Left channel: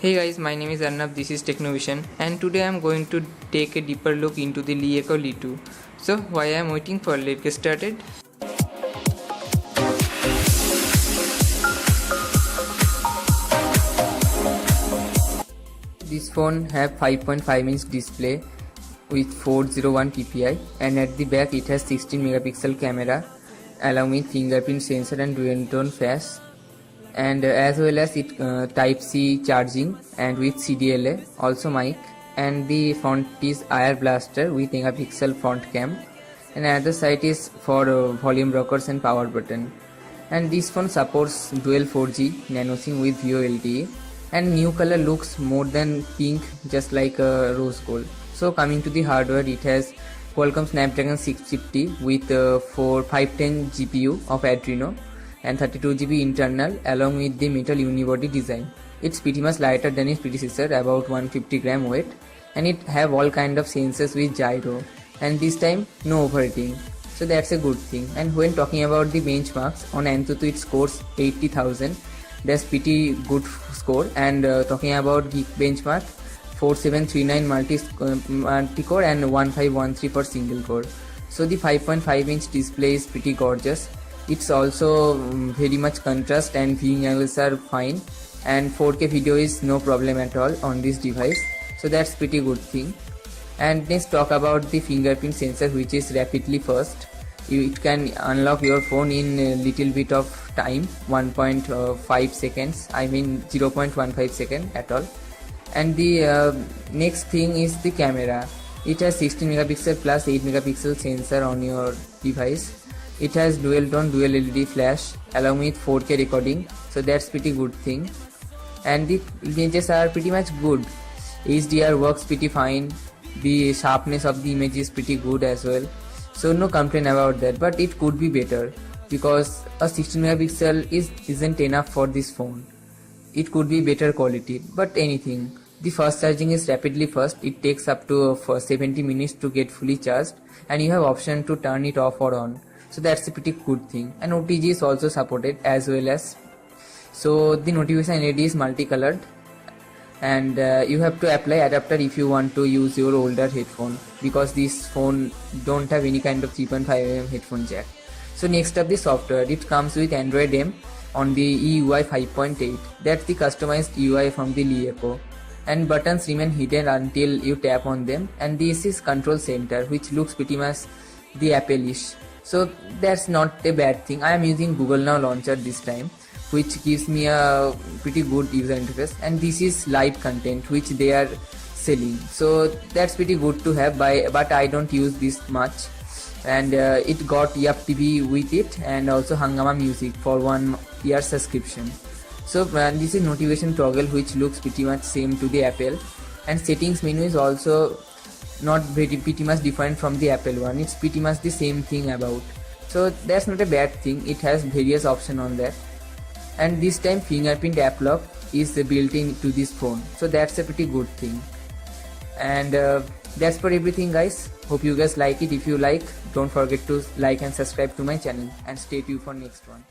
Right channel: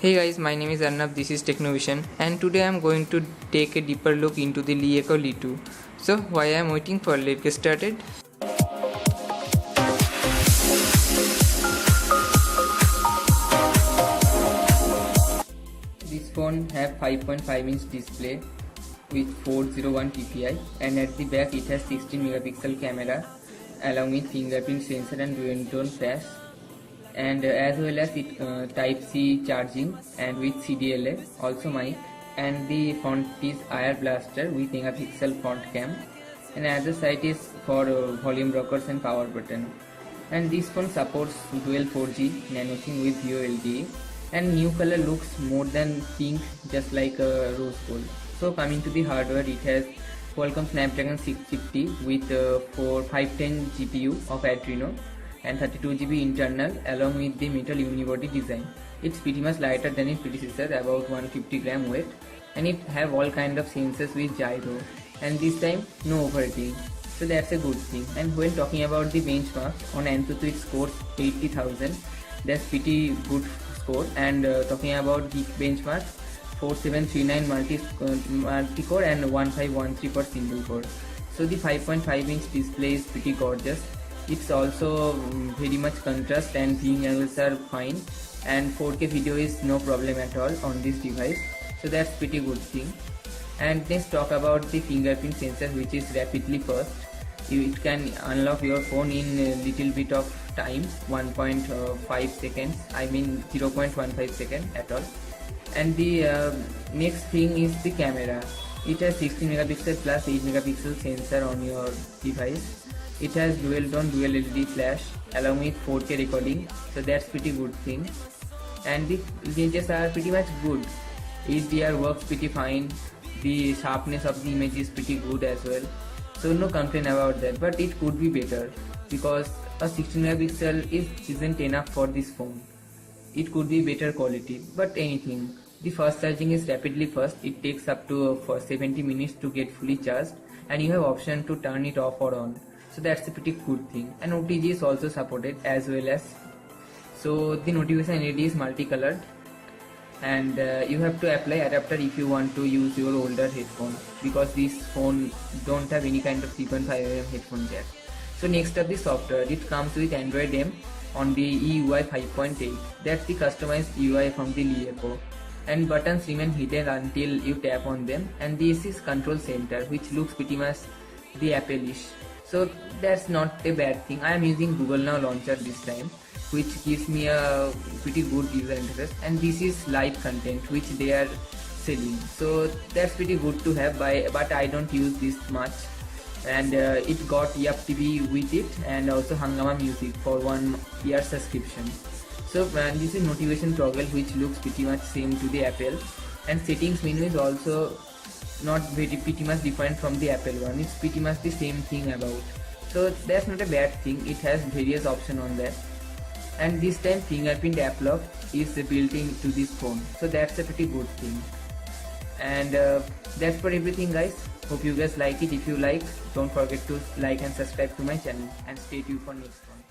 Hey guys, my name is Arnab, this is Technovision, and today I am going to take a deeper look into the LiEco Li2. So while I am waiting for let's get started. This phone have 5.5-inch display with 401 ppi, and at the back it has 16 megapixel camera along with fingerprint sensor and dual tone flash, and as well as it type C charging and with CDLA, also mic, and the front is IR blaster with megapixel front cam, and other side is for volume rockers and power button. And this phone supports dual 4G nano SIM with VoLTE, and new color looks more than pink, just like a rose gold. So coming to the hardware, it has Qualcomm Snapdragon 650 with 510 GPU of Adreno and 32GB internal along with the metal unibody design. It's pretty much lighter than its predecessor, about 150 gram weight, and it have all kind of sensors with gyro, and this time no overheating. So that's a good thing. And when talking about the benchmarks, on Antutu it scores 80,000. That's pretty good score. And talking about Geek benchmark, 4739 multi-core and 1513 for single core. So the 5.5-inch display is pretty gorgeous. It's also very much contrast and viewing angles are fine, and 4K video is no problem at all on this device. So that's pretty good thing. And let's talk about the fingerprint sensor, which is rapidly first. It can unlock your phone in a little bit of time, 1.5 seconds, I mean 0.15 second at all. And the next thing is the camera. It has 16 megapixel plus 8 megapixel sensor on your device. It has dual tone dual LED flash along with 4K recording, so that's pretty good thing. And the images are pretty much good. HDR works pretty fine. The sharpness of the image is pretty good as well, so no complaint about that. But it could be better because a 16 megapixel isn't enough for this phone. It could be better quality, but anything. The fast charging is rapidly fast. It takes up to 70 minutes to get fully charged, and you have option to turn it off or on. So that's a pretty good thing. And OTG is also supported as well as. So the notification LED is multicolored, and you have to apply adapter if you want to use your older headphone, because this phone don't have any kind of 3.5mm headphone jack. So next up, the software. It comes with Android M on the EUI 5.8. That's the customized UI from the LiEco, and buttons remain hidden until you tap on them. And this is control center, which looks pretty much the Apple-ish. So that's not a bad thing. I am using Google Now Launcher this time, which gives me a pretty good user interface, and this is live content which they are selling, so that's pretty good to have, but I don't use this much. And it got Yap TV with it, and also Hungama Music for 1 year subscription. So this is notification toggle, which looks pretty much same to the Apple, and settings menu is also not pretty much different from the Apple one. It's pretty much the same thing about, so that's not a bad thing. It has various options on that, and this time fingerprint app lock is built into this phone, so that's a pretty good thing. And that's for everything, guys. Hope you guys like it. If you like, don't forget to like and subscribe to my channel, and stay tuned for next one.